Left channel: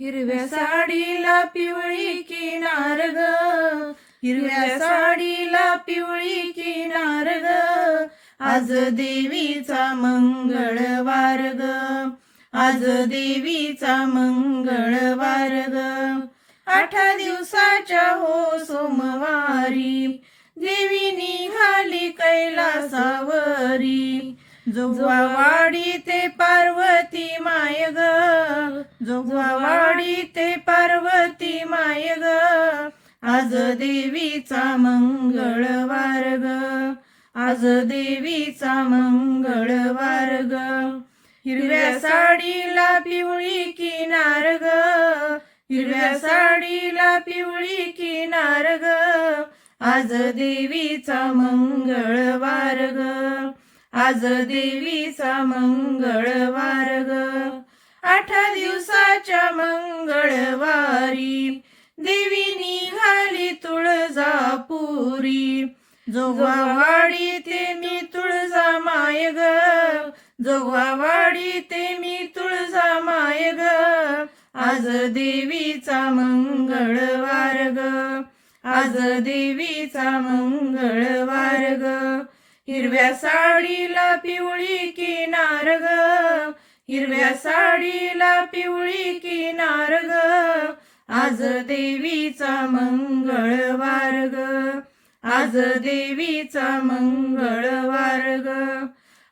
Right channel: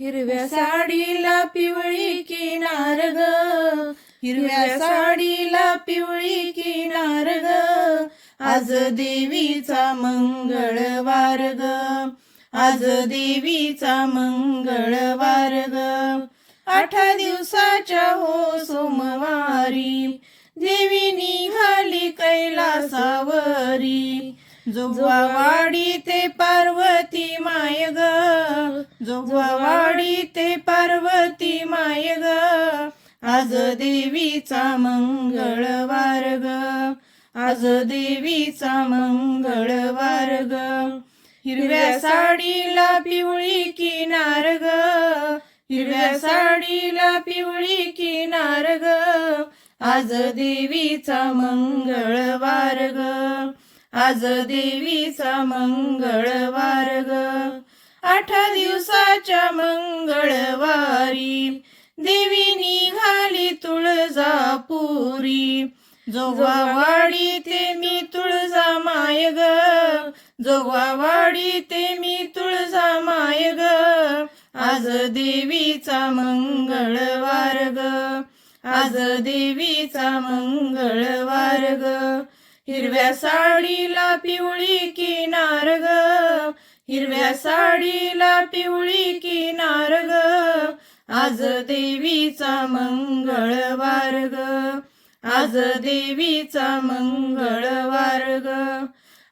हिरव्या साडीला पिवळी किनार ग, हिरव्या साडीला पिवळी किनार ग, आज देवीचा मंगळवार ग, आज देवीचा मंगळवार ग. 8 दिवसाच्या हो सोमवारी देवी निघाली कैलासावरी. जोगवावाडी ते पार्वती माय ग, जोगवावाडी ते पार्वती माय ग, आज देवीचा मंगळवार ग, आज देवीचा मंगळवार ग. हिरव्या साडीला पिवळी किनार ग, हिरव्या साडीला पिवळी किनार ग, आज देवीचा मंगळवार ग, आज देवीचा मंगळवार ग. 8 दिवसाच्या मंगळवारी देवी निघाली तुळजापुरी. जोगवावाडी ते मी तुळजा माय ग, जोगवावाडी ते मी तुळजा माय ग, आज देवीचा मंगळवार ग, आज देवीचा मंगळवार ग. हिरव्या साडीला पिवळी किनार ग, हिरव्या साडीला पिवळी किनार ग, आज देवीचा मंगळवार ग, आज देवीचा मंगळवार ग.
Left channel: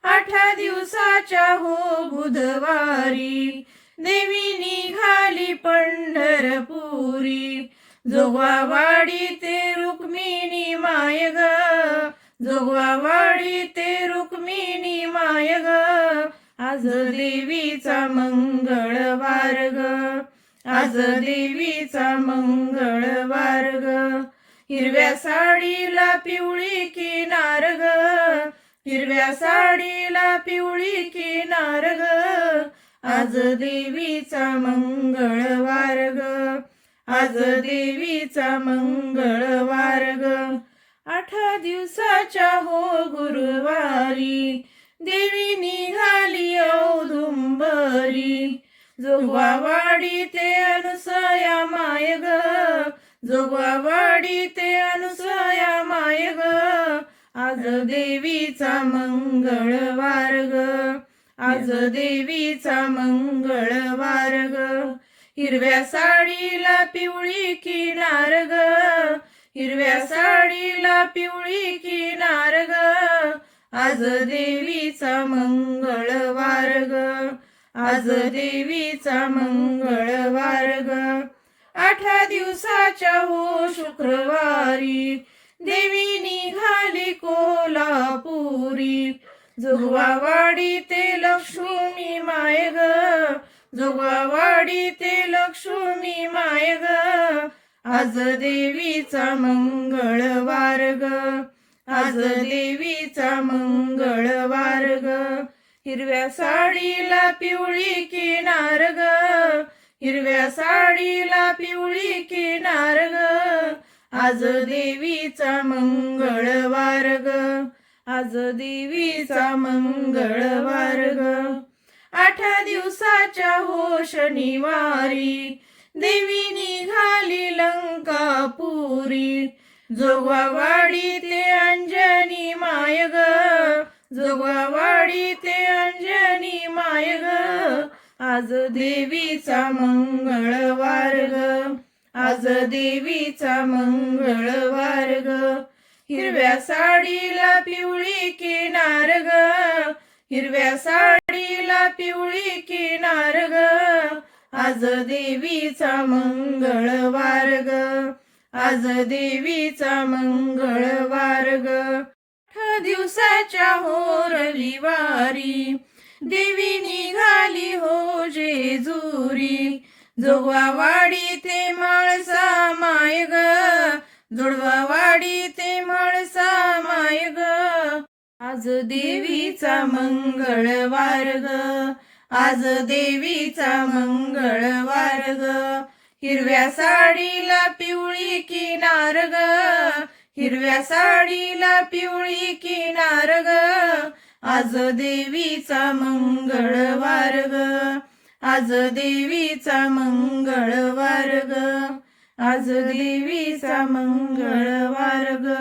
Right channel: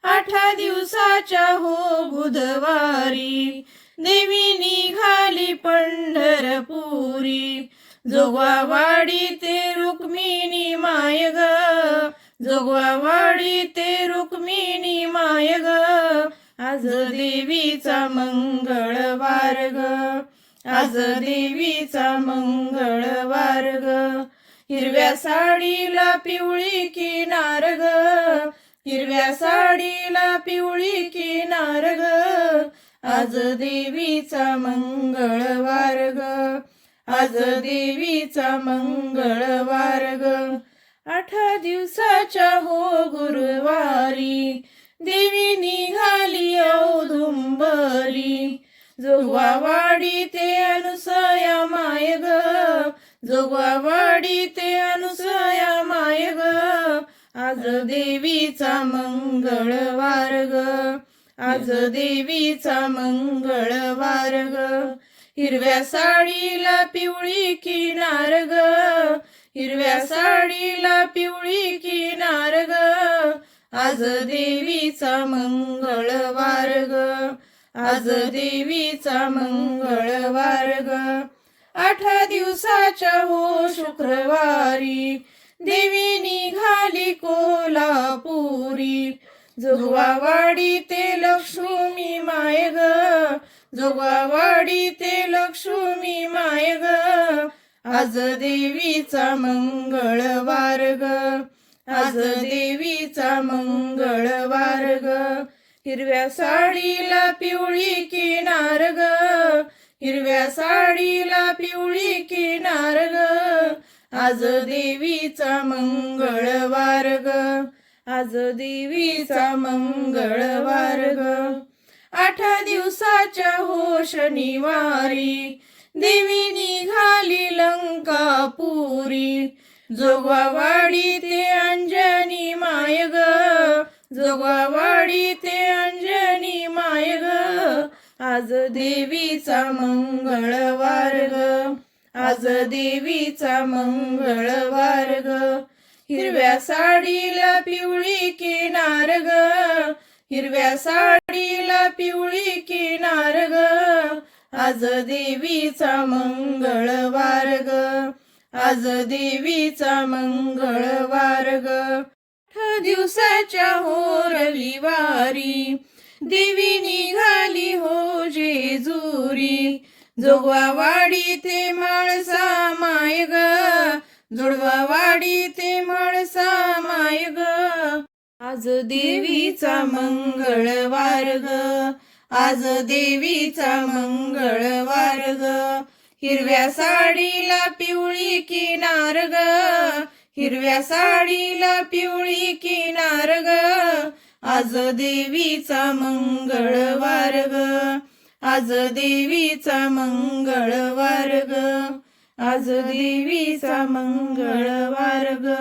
8 दिवसाच्या हो बुधवारी देवी निघाली पंढरपुरी. जोगवावाडी ते रुक्मिणी माय ग, जोगवावाडी ते रुक्मिणी माय ग, आज देवीचा मंगळवार ग, आज देवीचा मंगळवार ग. हिरव्या साडीला पिवळी किनार ग, हिरव्या साडीला पिवळी किनार ग, आज देवीचा मंगळवार ग, आज देवीचा मंगळवार ग. 8 दिवसाच्या हो गुरुवारी देवी निघाली औदुंबरी. जोगवावाडी ते अनुसया माय ग, जोगवावाडी ते अनुसया माय ग, आज देवीचा मंगळवार ग, आज देवीचा मंगळवार ग. हिरव्या साडीला पिवळी किनार ग, हिरव्या साडीला पिवळी किनार ग, आज देवीचा मंगळवार ग, आज देवीचा मंगळवार ग. 8 दिवसाच्या हो शुक्रवारी देवी निघाली कोल्हापुरी. जोगवावाडी ते लक्ष्मी माय ग, जोगवावाडी ते लक्ष्मी माय ग, आज देवीचा मंगळवार ग, आज देवीचा मंगळवार ग. हिरव्या साडीला पिवळी किनार ग, हिरव्या साडीला पिवळी किनार ग, आज देवीचा मंगळवार ग, आज देवीचा मंगळवार ग. 8 दिवसाच्या हो शनिवारी देवी निघाली लंकापुरी. जोगवावाडी ते अंजनी माय ग, जोगवावाडी ते अंजनी माय ग, आज देवीचा मंगळवार ग, आज देवीचा मंगळवार ग. हिरव्या साडीला पिवळी किनार ग, हिरव्या साडीला पिवळी किनार ग, आज देवीचा मंगळवार ग, आज देवीचा मंगळवार ग. 8 दिवसाच्या हो रविवारी देवी निघाली हो जेजुरी. जोगवावाडी ते म्हाळसा माय ग, जोडवावाडी ते म्हाळसा माय ग, आज देवीचा मंगळवार ग, आज देवीचा मंगळवार ग. हिरव्या साडीला पिवळी किनार ग, हिरव्या साडीला पिवळी किनार ग, आज देवीचा मंगळवार ग, आज देवीचा मंगळवार ग, आज देवीचा मंगळवार ग.